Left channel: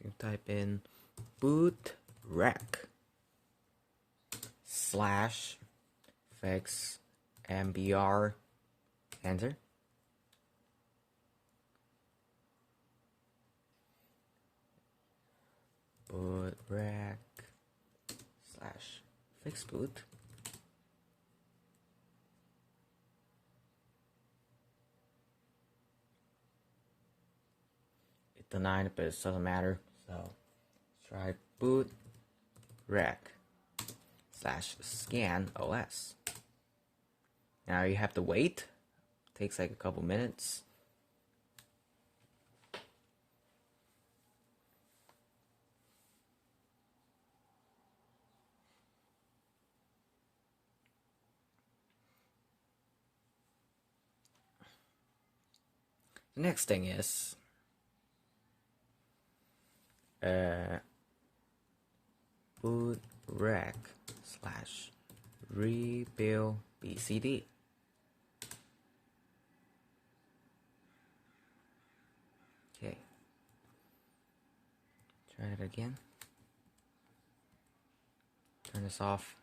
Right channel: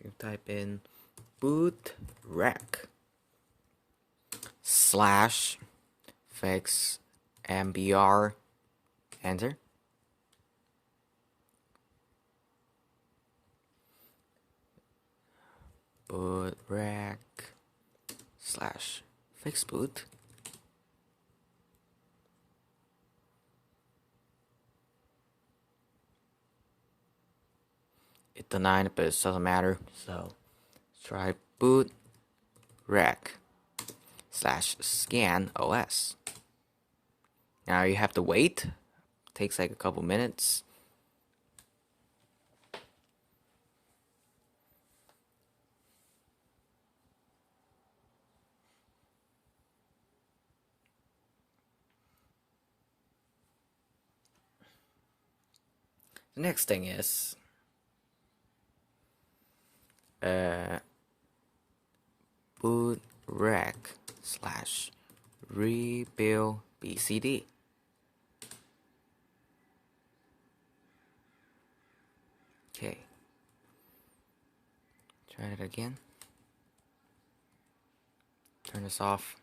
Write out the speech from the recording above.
So you type in boot rec / fix mbr, enter. Boot rec / fix boot. It denied it, but it doesn't matter. So try boot rec / scan os. Now you have to wait. It takes like a couple minutes. The next thing is boot rec / rebuild bcd. Okay, try it again. Turn this off.